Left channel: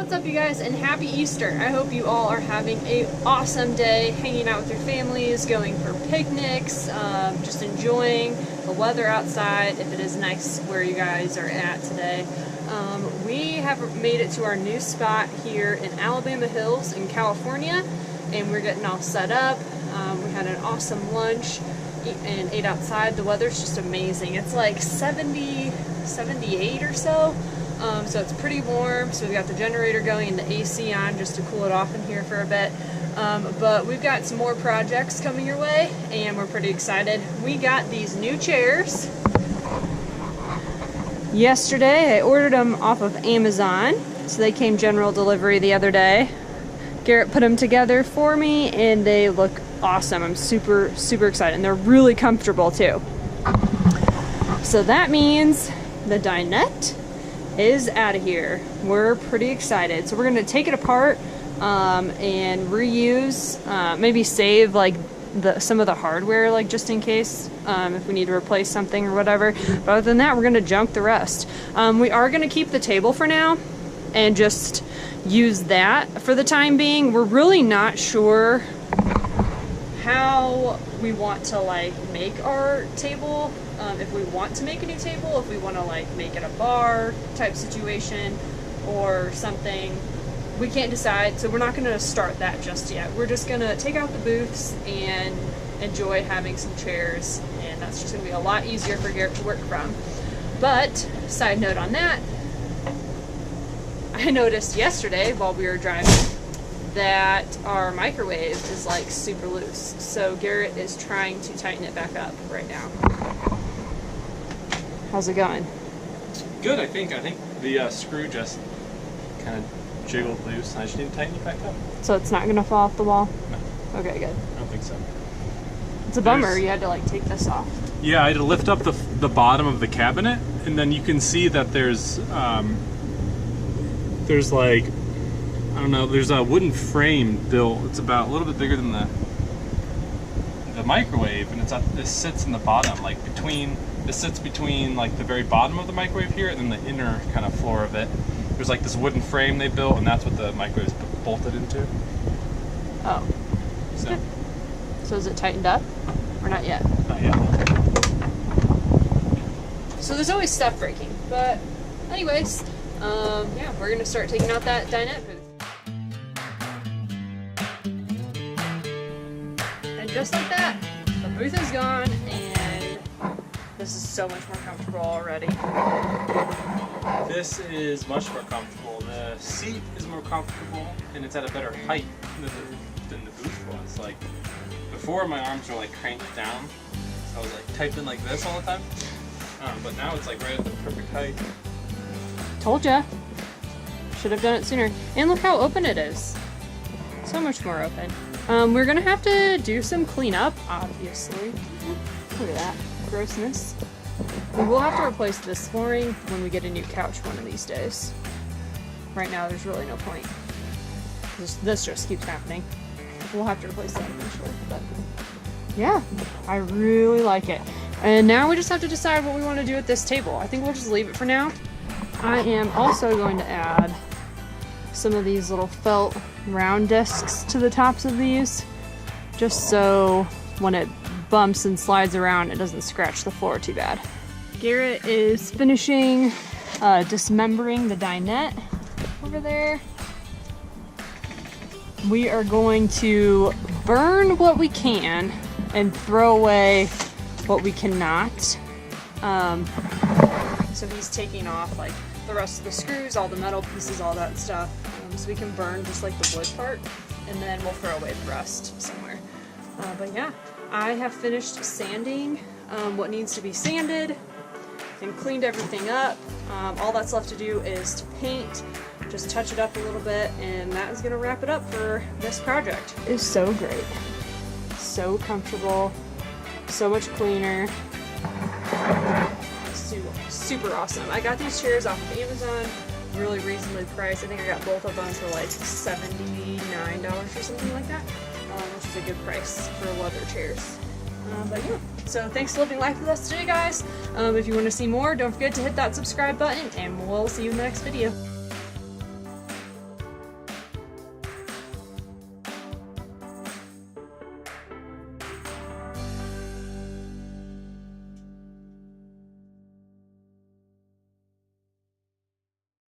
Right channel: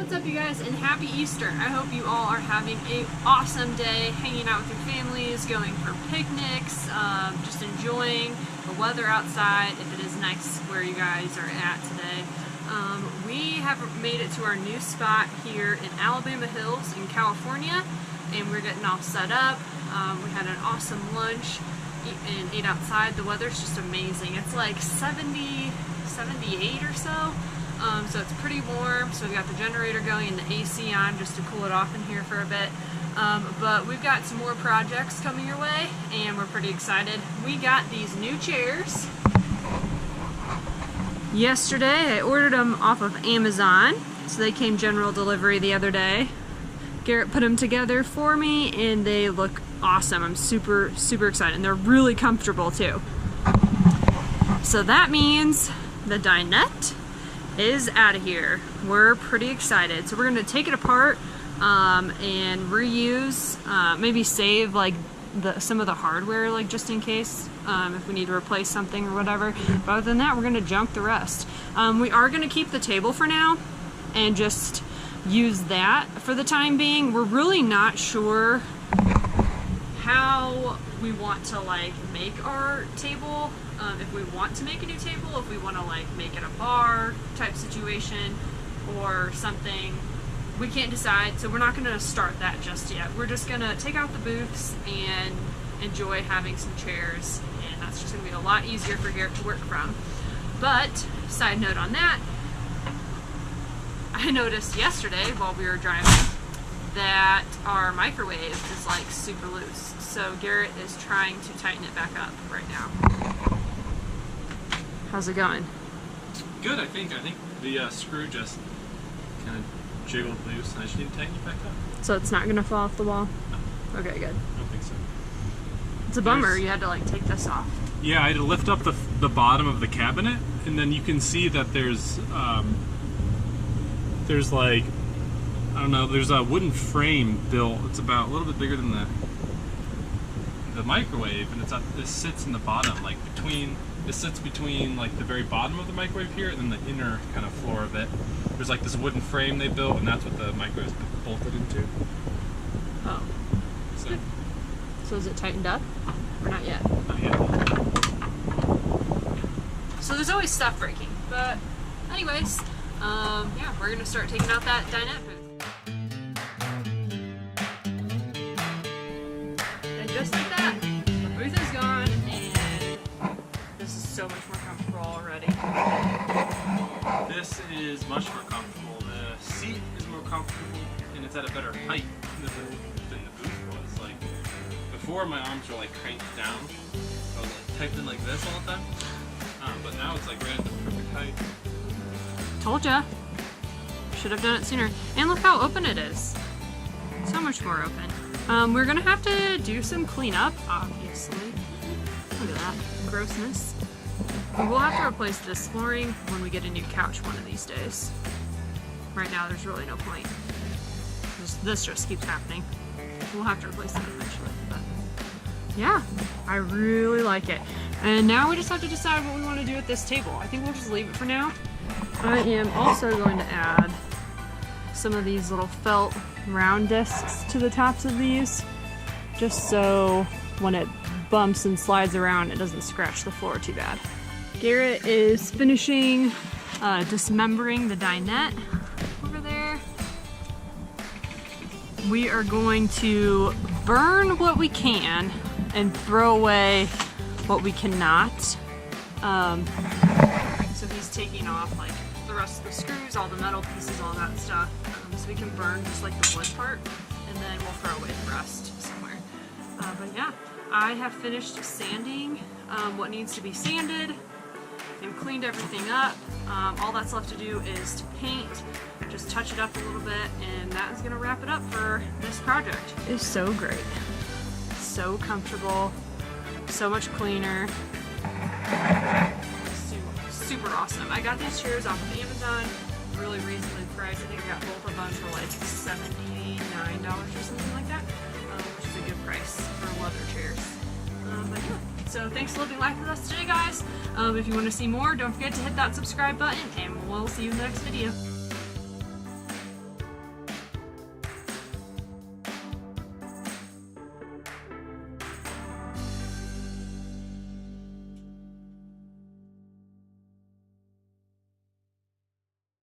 What's up, you guys, and happy Easter. I hope you all are having an awesome day, hanging out with your families, going for picnics, just enjoying the weather outside if it is nice where you guys are at today. We have made it to our new spot here in Alabama Hills in California, and we're getting all set up. We had an awesome lunch and ate outside. The weather's just amazing. It's like 70, 78 or so. So it's pretty warm, so we've got the generator going and the AC on just to cool it off in here for a bit. But we've got some more projects coming your way, and we're pretty excited. We got these new chairs. Yesterday, I ordered them off of Amazon, so they came general delivery the other day. Garrett put them together for me, and they look awesome. I'm super, super excited, and they're really comfortable too. So that means the dinette is out of here. We're pretty excited. So we're gonna take it apart and reuse, maybe save like some of the hardware, like just in case if we need to replace something or whatever. But other than that, we're gonna junk the rest. We are gonna keep the table for now and just use that for the time being. We're really not sure how we want to like make our table. If we want to make a new table, if we want to like make it a bar type situation or something, we can't decide, so we're not going to start that just yet. We're just going to take out the booths and enjoy having some chairs, and that's just going to be a lot easier for Garrett to work from. But side note on that, I noticed yesterday while we were driving that our microwave is like super loose, so Garrett is trying to tighten it back up right now. How's it going? Good, I think the screw just kind of jiggled loose, and I just need to tighten it back up. So it's not gonna fall off the wall? No. Okay, good. I don't think so. It's a bummer you had to like take this off. Yeah, I had to lift up the bottom of the cabinet, and then you can see that there's like, I don't know, there's a wooden frame built. It's about a little bit bigger than the microwave, and it sits in the bottom, like it sits between like the very bottom of the microwave here and then the inner kind of floor of it. There's like this wooden frame they built, and that's what the microwave is bolted into. Oh. So. So is it tightened up? Or not yet? Not yet. So there's always stuff breaking. But anyways, yeah, we're gonna start taking out that dinette booth. And just like that, the booth is gone, and this is so much more comfortable already. This is much more comfortable. The seat is more comfortable, and it's at a better height than the booth was. Like before, my arms were like cranked down. I was like typing like this all the time. But now it's like right at the perfect height. Told ya. Should have done it sooner. And look how open it is. So much more open. We're gonna have to do some cleanup, obviously. Look at that grossness. We will have to replace this flooring when we get a new couch one of these days. Right now, there's really no point. This just keeps happening. We'll have to replace that eventually, but yeah, I really like it. And now we just have to decide what we want to do with this table. I think we'll just leave it for now. I am also going to add some of these little felt round discs to the tops of these, just so when it bumps and slides around, it doesn't scratch the floor too bad. Garrett is finishing dismembering the dinette over there. We are going to burn what we can and throw away what we cannot. So he's taking off like the rest of the screws, all the metal pieces, all that stuff. So we can burn just like the wood part, and then we'll throw away the rest somewhere. But yeah, I have finished sanding what needs to be sanded and cleaned everything up. All that's left to do is to paint, just touch it up a little bit, and that is gonna wrap it up for this project. It's so great. So comfortable, so much cleaner. Super awesome. I got these chairs off of Amazon, really reasonably priced. I think I got both of them for like $79 or something like that, which is a good price for leather chairs. But yeah, so thanks for living life with us today, guys. If you want to see more, don't forget to hit that subscribe button, and we'll see you in the next video.